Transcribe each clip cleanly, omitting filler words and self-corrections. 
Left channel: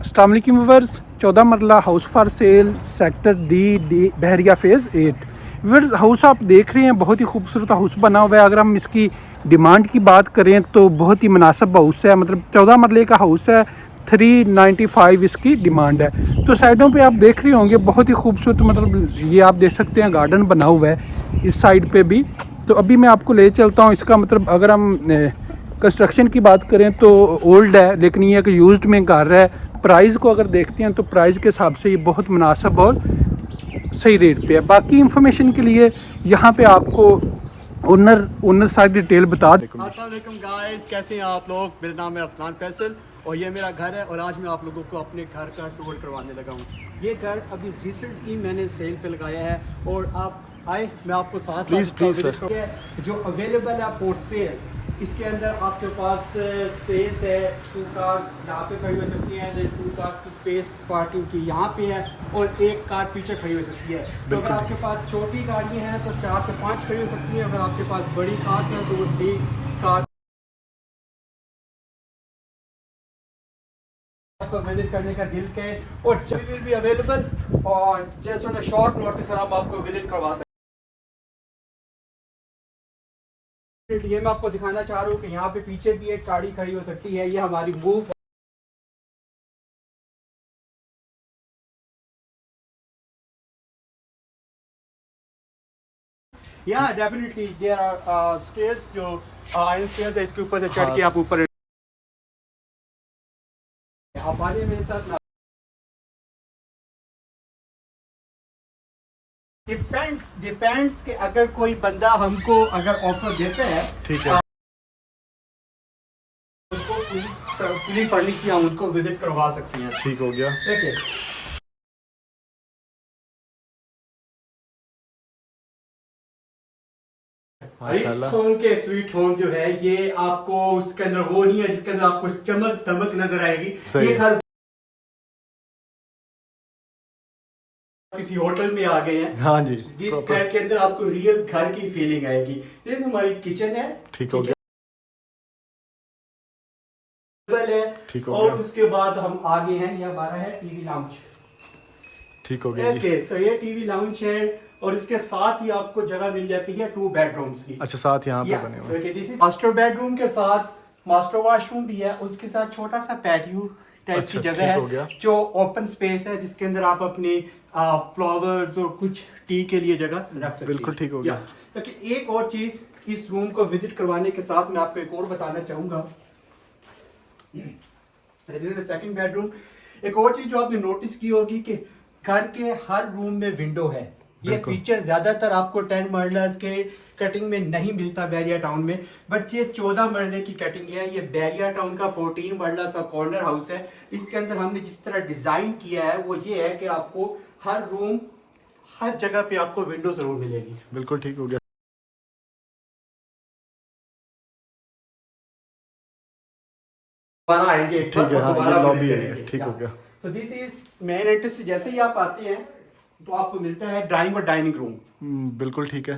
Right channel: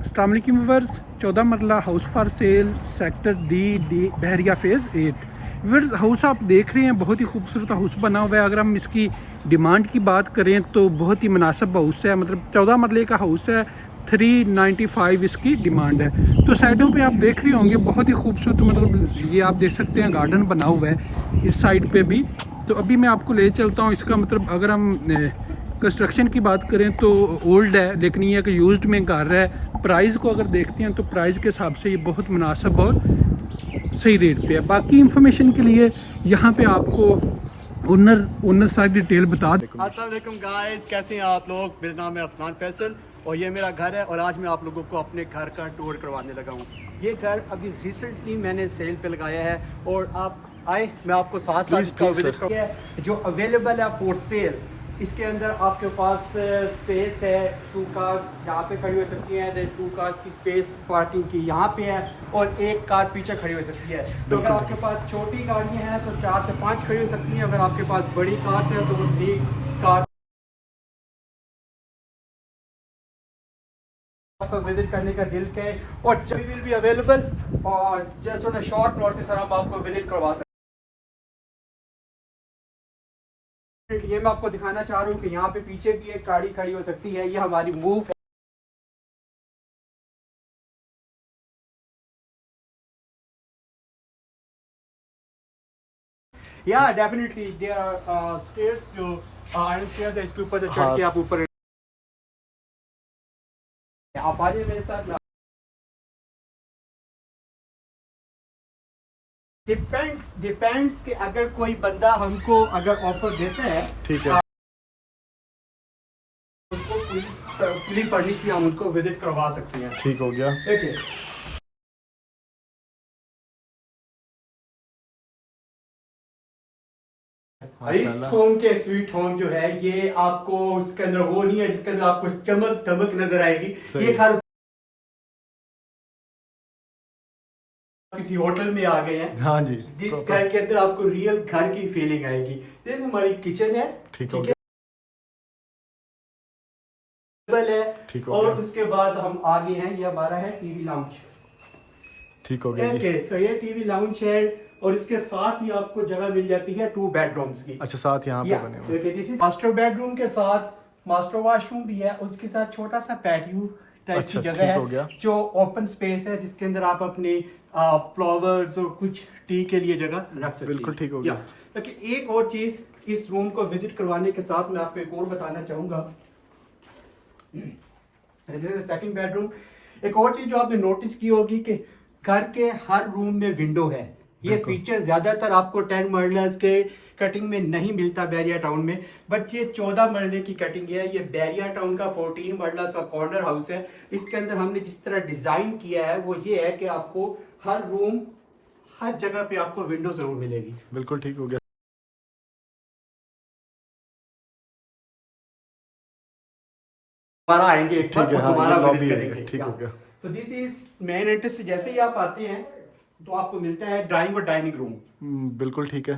अस्सलाम वालेकुम व्यूअर्स, 14 मरला house for sale sector D Bahria phase 8। Viewers, house आप देख रहे हैं, बहुत ही खूबसूरत हाउस बना हुआ है। अगर हम इसकी डिमांड की बात करें तो बहुत ही मुनासिब हाउस है, मतलब 14 मरले का हाउस है। 395 इसकी डिमांड है। तो साइडों पे आप देख रहे होंगे बहुत ही खूबसूरत, मतलब ये आप देख सकते हैं गार्डन बना हुआ है इस साइड पे भी। तो अभी मैं आपको ले चलता हूँ। इसका मतलब अगर हम कंस्ट्रक्शन की बात करें तो ओल्ड है, लेकिन ये एक यूज्ड में घर है। प्राइस को अगर देखते हैं तो प्राइस के हिसाब से ये बहुत मुनासिब और सही रेट पे है। बाकी इंफॉर्मेशन के लिए यहाँ पे आपको ओनर सारी डिटेल बता दें। अस्सलाम वालेकुम गाइस, कैसे हैं आप लोग। मेरा नाम है अफनान फैसल और ये मेरा घर है और आज मैं आप लोगों को अपने घर का टूर करवाने लगा हूँ। ये घर अभी रिसेंटली मैंने सेल पे लगाया है और आप आए, मैं आपको साथ साथ जो अवेलेबल है फॉर सेल। इसके अंदर आपके पास स्पेस है, 2 कार्स यहाँ पे खड़ी हो सकती हैं, 2 कार्स की स्पेस पार्किंग की यहाँ पे है और 1 कार पीछे खड़ी हो सकती है। तो अगर आपके पास छोटी गाड़ियाँ हैं तो 4 से 5 खड़ी हो सकती हैं। अगर आपके पास बड़ी कार्स हैं तो वो 3 कार आपको विजिट करने का दिल है और विल बी अवेलेबल और just on a short notice हम आपको विजिट करवा सकते हैं। ये मैं आपको दिखाना चाह रहा हूँ कि यहाँ पे पीछे भी एक गाड़ी खड़ी हो सकती है। ये हमारी मूव है। या डेफिनेटली देयर आर स्टेयर्स जो आयरन स्टेयर्स है, इसके ऊपर से चढ़ के आप ऊपर आप आ जाइए मेरे साथ। डिपेंड्स कि अगर कोई बंदा हमको अगर ऑफर देता है, ठीक है, फुली फर्निश्ड हम उनको विजिट करवा सकते हैं। ठीक हो गया। ठीक है। इस होम के स्वीट होम जो है ये आपको उसके अंदर वो नहीं है जिसके अंदर आपको चमक दमक नजर आएगी। ये घर किसी होटल में आ गए हैं। हाँ जी। जिस घर के अंदर आपको रियल घर की फीलिंग आएगी। ये हमारी किचन है। ठीक हो गया। ठीक हो और गया। उसके बाद हम आगे हैं, ये हमारा है टीवी लाउंज। ठीक हो गया। ओके, सो ये टीवी लाउंज है और इसके साथ ही आपको जगह मिल जाती है 2 बेडरूम्स की। अच्छा, साथ यहाँ पे बने हुए हैं। मास्टर बेडरूम के साथ मास्टर वॉशरूम भी है, उसके साथ छोटा सा पैटियो टाइप की जगह है जो ओपन स्पेस है, जिसके अंदर आप अपने फ्लावर्स और कुछ टी के लिए जगह रख सकते हैं। बिल्कुल ठीक हो गया। लेकिन एक और चीज इस रूम को विजिट करवाने के साथ मैं आपको एक और बताना चाहूंगा। Second bedroom. एक और चीज जो आपने नोटिस की होगी कि घर के हर रूम में विंडो है। ये फीचर ज्यादातर आपको 10 मरलस के कटिंग में नहीं मिलता बैरिया टाउन में, बट ये 14 मरले की कटिंग है। ये बैरिया टाउन का 14 मरलस का कॉर्नर हाउस है। इसके अंदर हमने जिस तरह डिजाइन किया है वो ये है कि आपको हर रूम हर जगह पे आपको विंडो जरूर मिलेगी। बिल्कुल ठीक हो गया। आएंगे, ठीक है। हाँ, ये लॉबी एरिया ठीक हो गया। तो दिस इज मेन एंट्रेंस से जैसे ही आप आते हैं तो आपको मिलता है ड्राइंग और डाइनिंग रूम। बिल्कुल ठीक है।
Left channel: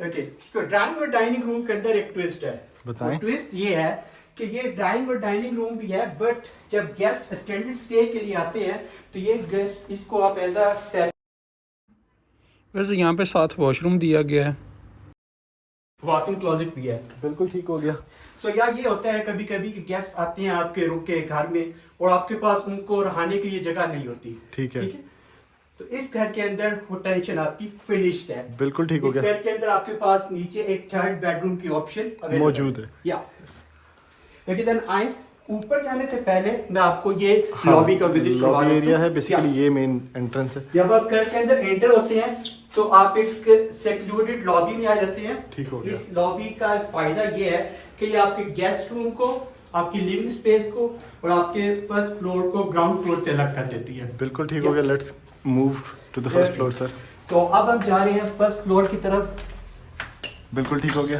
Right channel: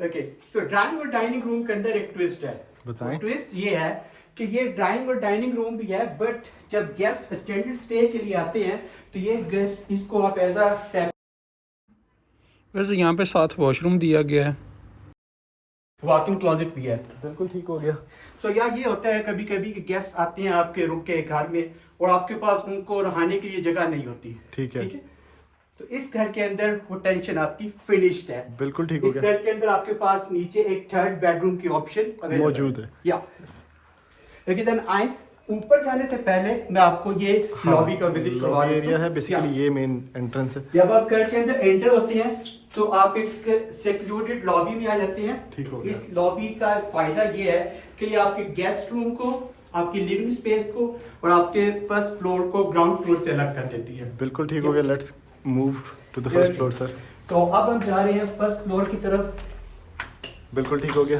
ओके, सो ड्राइंग और डाइनिंग रूम के अंदर एक ट्विस्ट है। बताएं। ट्विस्ट ये है कि ये ड्राइंग और डाइनिंग रूम भी है, बट जब गेस्ट एक्सटेंडेड स्टे के लिए आते हैं तो ये गेस्ट इसको आप एज अ सेल। वैसे यहाँ पे साथ वॉशरूम दिया गया है, वॉकिंग क्लोजेट भी है। बिल्कुल ठीक हो गया। सो यार ये होता है कभी कभी कि गेस्ट आते हैं आपके रुक के घर में और आपके पास उनको रहने के लिए जगह नहीं होती। ठीक है। तो इस घर के अंदर वो टेंशन आपकी फिनिश्ड है। बिल्कुल ठीक हो गया। इस घर के अंदर आपके पास नीचे एक 3rd बेडरूम की ऑप्शन मौजूद है। या लेकिन देन आए ऊपर जाने से पहले मैं आपको ये लॉबी का विजिट करवा लॉबी एरिया है। बेसिकली ये मेन एंट्रेंस है। जब आप घर के अंदर एंटर होते हैं तो आप एक सेक्लूडेड लॉबी में आ जाते हैं। ठीक हो गया। इस लॉबी का फायदा ये है कि ये आपके गेस्ट रूम को, आपकी लिविंग स्पेस को और आपके फर्स्ट फ्लोर को ग्राउंड फ्लोर से अलग कर देती है। बिल्कुल ठीक हो गया। Let's move to the first floor sir. So अब हम जा रहे हैं फर्स्ट फ्लोर की तरफ। बिल्कुल ठीक हो गया।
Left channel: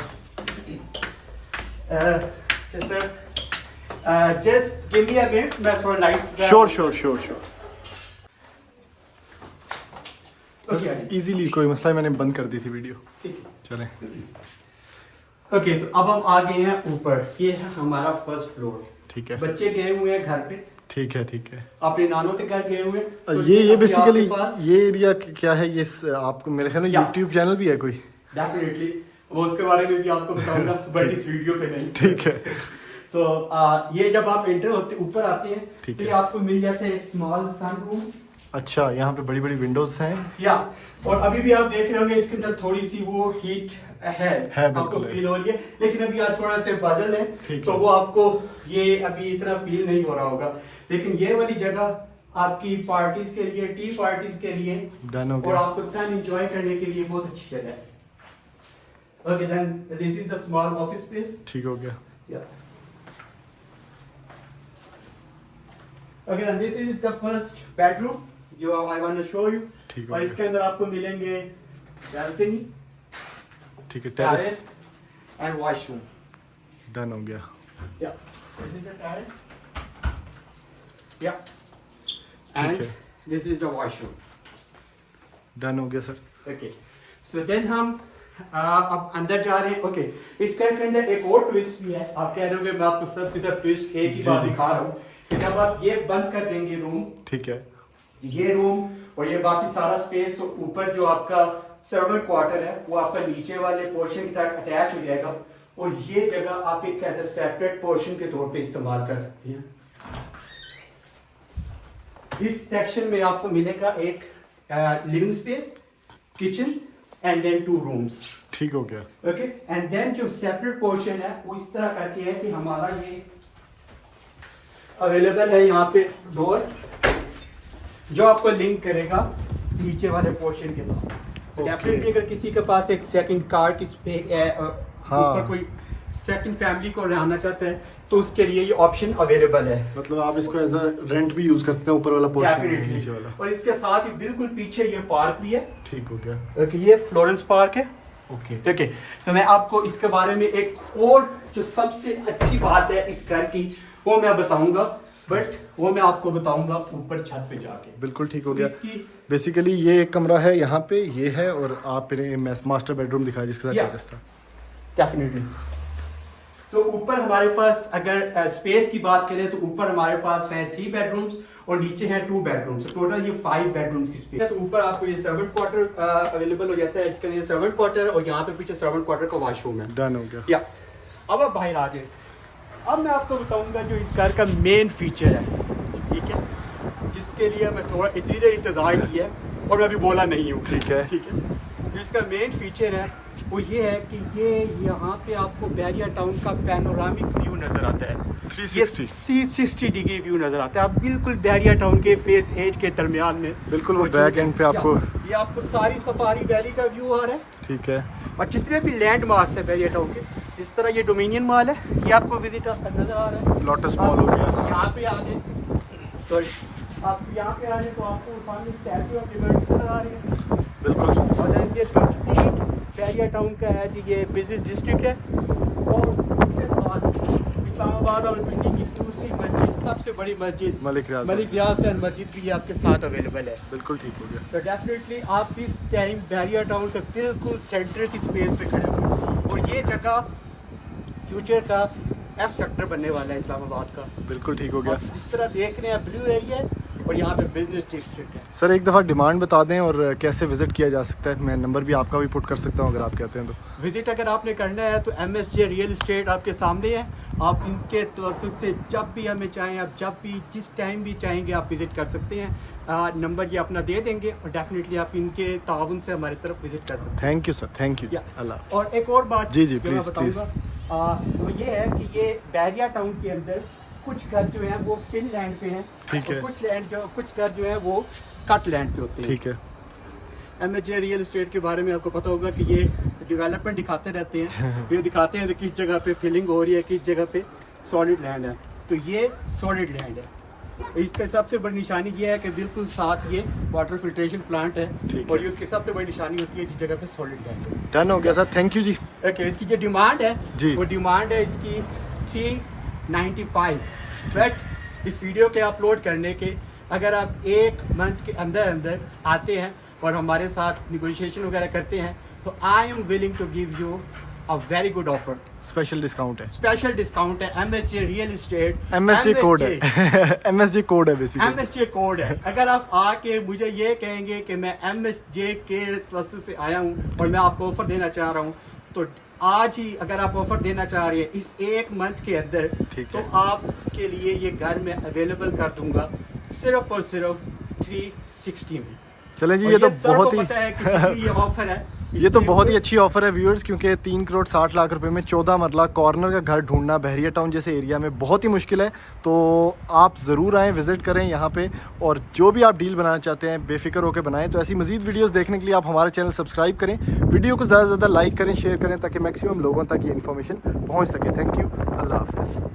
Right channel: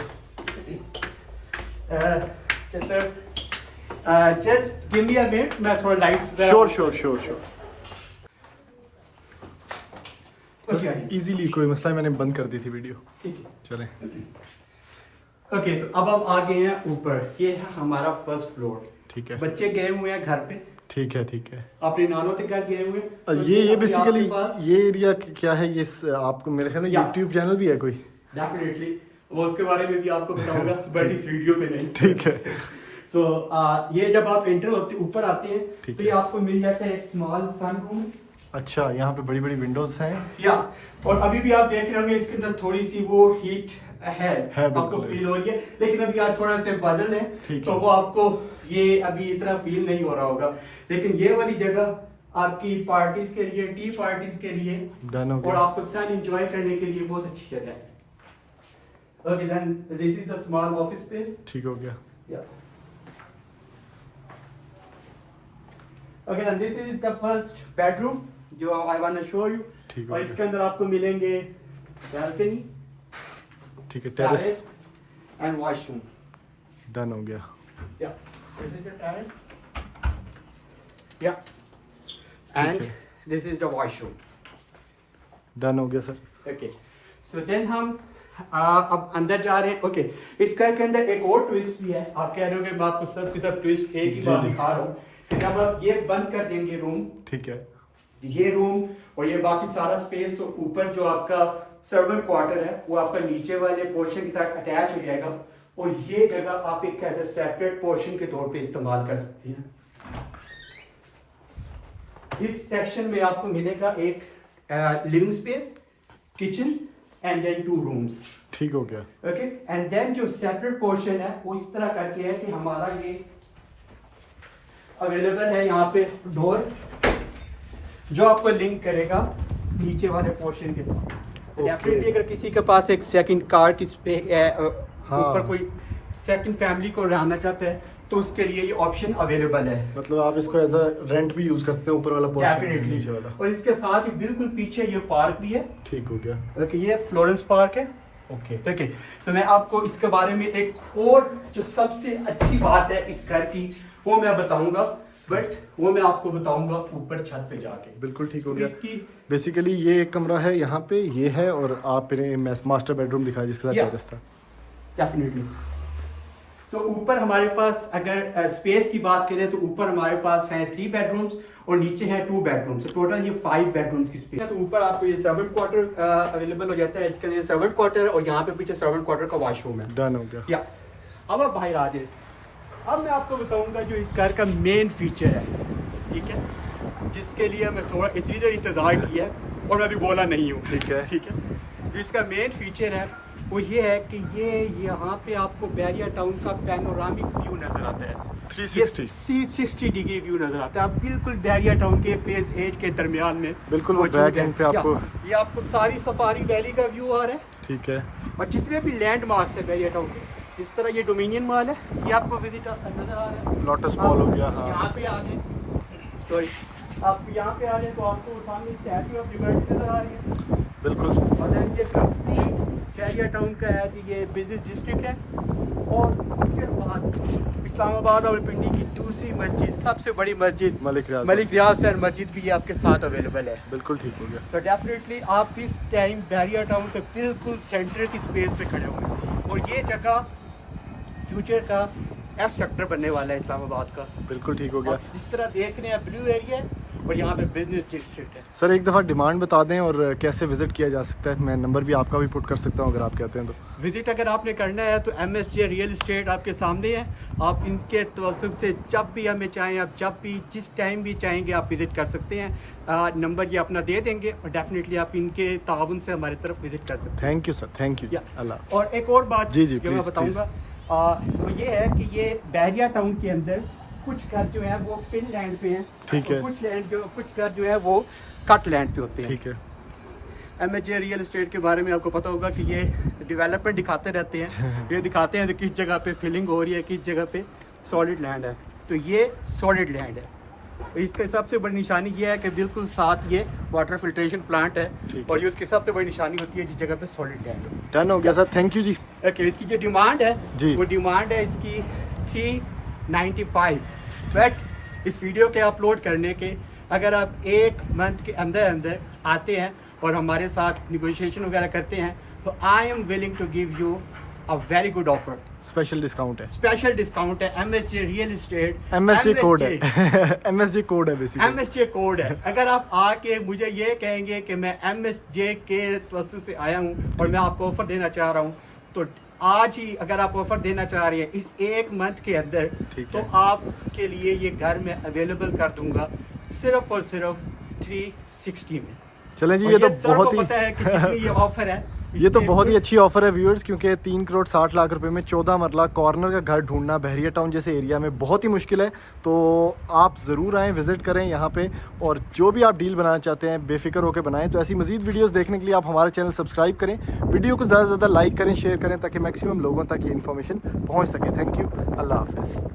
Sir just give me a minute, मैं थोड़ा लाइट्स। श्योर। बस इजीली, कोई मसला है, मैंने बंद कर दी थी वीडियो। चलें। ओके, तो अब हम आ गए हैं ऊपर। ये है हमारा फर्स्ट फ्लोर। ठीक है। बच्चे गए हुए हैं घर पे ठीक है, ठीक है। अपने नानों के घर गए हुए तो ये अभी बेसिकली आपके पास ये एरिया क्या है? ये आपको मेरे ख्याल में या। यूट्यूब चैनल भी है कोई? डेफिनेटली वो उसके बारे में भी आपको बताऊंगा बट इस वीडियो पे नहीं। ठीक है। सो ये जब आप एंटर होते ऊपर आते हैं ठीक तो है। ये आपको मिल जाता है स्मॉल सन रूम। अच्छा, यहाँ पे बड़ी बड़ी विंडोज हैं। या और अभी भी आप देख रहे होंगे इसके अंदर थोड़ी सी वो हीट है बिल्कुल आपको है। फील हो रही है, लेकिन अभी आज थोड़ा से बादल है ठीक तो है। वो आपको ये अभी इतना फील नहीं हो रहा होगा, लेकिन ये वाली जगह आपकी पार्टीज के लिए, टी पार्टीज के लिए डन हो और गया। आपको सन एंजॉय करने के लिए बहुत अच्छी जगह है। Okay then this is the small office space. ठीक हो गया। Okay then this is the first bedroom जो I want to show you. ठीक हो और गया। इसके अंदर आपको मिलेंगे बालकनी, ठीक है, टेरेस एंड वॉशरूम। डन हो गया। Yeah, this is the terrace. Yeah, ठीक and है। this is the washroom. Done हो गया सर। Okay, so then हम अब अंदर जा रहे हैं। Okay, इस घर के अंदर एक और ट्विस्ट भी है। आप कह रहे हो कि मैं आपको सब के सब ट्विस्ट एक ही जी, बात जी। दिखा रहा हूँ कि जब आप ये बंद कर देंगे रूम, ठीक है। ये रूम और ये बाकी सारा स्पेस, तो ऊपर जो आपका सर्वेंट क्वार्टर है वो आपका नीचे वाले पोर्शन के साथ अटैच हो जाएगा और ये जगह आप एक कहते हैं सेपरेट पोर्शन के तौर पे इस्तेमाल कर सकती हैं। इस सेक्शन में आपको मिलेगा एक living space, kitchen and then 2 rooms. ठीक हो गया। ओके, एंड देन जो सेपरेट पोर्शन है वो इस तरह करके है कि हमारा ये अवेलेबल है यहाँ पे डोर जो आपको लिंक करेगा नीचे वाले पोर्शन के साथ। Okay. डेफिनेटली अगर किसी के पास एक सेकंड कार की हाँ। ऊपर कोई सेकंड फैमिली को रहना चाहता है तो उसके लिए ये ऑप्शन अवेलेबल है। मतलब आप इसको एज अ रेंट भी यूज कर सकते हैं, ऊपर वाला पोर्शन डेफिनेटली, नीचे वाला। और इसके साथ ही बिल्कुल पीछे ये पार्क भी है। ठीक हो गया। ओके, ये फ्लोरेंस पार्क है। ओके। ओके, तो मैं आपको इसके बारे में एक और जो सबसे अच्छी बात है इस घर की वो मैं बताऊंगा, बट वो मैं आपको बताऊंगा ऊपर छत पे जाके। बिल्कुल ठीक हो गया। इसकी बेसिकली ये एक कमरा है यहाँ पे, ये है, और आपने मास्टर बेडरूम दिखाया जिसके साथ Yeah. टेरेस था। डेफिनेटली, तो ऊपर हमारे पास अगर स्पेस की बात करें तो ऊपर हमारे पास है 3 बेडरूम्स और नीचे है 2 बेडरूम्स, तो टोटल ये 5 बेडरूम्स की स्पेस है। तो ऊपर आपको ये सर्वेंट क्वार्टर अवेलेबल हो जाता है, इसके लिए सर्वेंट क्वार्टर और यहाँ पे पीछे सर्वेंट क्वार्टर का वॉशरूम है। डन हो गया। या अब आप बाहर आ जाइए। अब मैं आपको बताऊंगा जो इस घर का मेन फीचर है, ठीक है, जिसके लिए मैं थोड़ा इतनी देर इंतजार किया है और मैं अभी बोला नहीं हूँ। ठीक है। ठीक है, जो इसका मेन फीचर है वो ये है कि ये यहाँ पे आपको बैरिया टाउन का पैनोरामिक व्यू नजर आता है। 360 360 डिग्री व्यू नजर आता है। आप बिल्कुल बैरिया टाउन के फेज 8 के दरमियान में बिल्कुल वो मौजूद बैक हैं। एंड पे आपको। ये आपको सारी सफारी वैली का व्यू आ रहा है ठीक है। और जितने भी लैंडमार्क्स है बैरिया टाउन के, इस तरह ये डोमिनियन मॉल है, ये आपको विजिट नजर आ रहा है। लोटस मॉल हो गया। हाँ, यहाँ पे आ रहे, सॉरी, आप यहाँ पे आ रहे हैं तो आपको सामने स्टैचू ऑफ लिबर्टी नजर आ रही है। बिल्कुल। और then ये कंप्लीट बैरिया टाउन का है जी, ये बिजनेस डिस्ट्रिक्ट है। और इसके साथ इस्लामाबाद और पिंडी की दूसरी मस्जिद, सबसे बड़ी मस्जिद मलिक रियाज मलिक रियाज सैन मस्जिद भी आपके साथ अवेलेबल है। बिल्कुल ठीक हो गया। तो डेफिनेटली आप इस टाइम बैरिया टाउन के बिल्कुल सेंटर की स्पेस पे खड़े हुए और ये जगह फ्यूचर का F सेक्टर बनने वाला है इस्लामाबाद का। बिल्कुल ठीक हो गया। आप जिस तरह देख रहे हैं ब्लू एरिया है और यहाँ पे बिजनेस डिस्ट्रिक्ट है। सर एक दफ़ा डिमांड बता दें और कैसे विजिट किया जा सकता है। मैं नंबर भी आपका भी पुट कर सकता हूँ अगर आप कहते हैं तो। विजिट अगर आपने करना है तो MSJ रियल इस्टेट आपके सामने है। आप इनके तवज्जुह से जब भी हमें चाहें, आप जब भी जिस टाइम भी चाहेंगे आप विजिट कर सकते हैं। नंबर ये अपना दे देंगे और डेफिनेटली आप इनके ताउन से हमारी तरफ विजिट कर सकते thank you sir, thank you. या। अल्लाह। और एक और बात जी, जी, जो मैं please, बताऊंगा तो ये है कि ये बैरिया टाउन के अंदर कुछ घर जो है वो फिल लैंड पे हैं, ठीक है। कुछ घर जो है वो कट लैंड पे होते हैं। ठीक है। MSJ रियल एस्टेट के बारे में आपको पता होगा कि ये डेवलपमेंट दिखाते रहते हैं। ये दिखाते हैं कि किस जगह पे फिलिंग हो रही है, किस जगह पे सॉलिड लैंड है। तो ये सॉलिड लैंड है। इसका सबसे बड़ी निशानी ये है कि बिल्कुल साथ ये वाटर फिल्ट्रेशन प्लांट है ठीक और है। ये उसकी सबसे बड़ी निशानी होती है जिस जगह पे सॉलिड लैंड है। डन हो गया sir, thank you ji. Okay, इसकी जो डिमांड है जी। वो डिमांड है इसकी 395। बट इस वीडियो के अपलोड करने के अगर आप 1 मंथ के अंदर अंदर आते हैं और हमारे साथ निगोशिएशन वगैरह करते हैं तो I am willing to give you a very good offer, special discount है, स्पेशल डिस्काउंट है। MSJ real estate, MSJ code है MSJ कोड है बेसिकली। MSJ कोड है। अगर आप आके मुझे ये कहेंगे कि मैं MSJ के वस्तु से आया हूँ और मैं आपको ऑफर देना चाह रहा हूँ, तो आज ही अगर आप ऑफर देना चाह रहे हैं इस एक मंथ के अंदर, तो आपके लिए ये घर में अवेलेबल कर दूंगा सिर्फ और सिर्फ 360 में। चलें जी, और ये तो सबको बहुत ही पता है कि कितनी ये ऑफर है। ये तो बहुत ही अच्छी ऑफर है व्यूअर्स, क्योंकि 3 करोड़ 60 लाख रुपए में 14 मरला कॉर्नर का घर ढूंढना बहरिया टाउन जैसे एरिया में बहुत ही मुश्किल है। तो आप ज़रूर आएँ, विज़िट करें यहाँ पे, और जो भी आप डील बनाना चाहते हैं बेफिक्र होकर बनाएं। तो ऐसी मज़ीद वीडियोस देखने के लिए आप हमारा चैनल सब्सक्राइब करें, वीडियो को ज़्यादा से ज़्यादा लाइक करें, शेयर करें, ताकि मैक्सिमम लोगों तक ये इन्फॉर्मेशन पहुँच सके। थैंक यू, अल्लाह हाफ़िज़।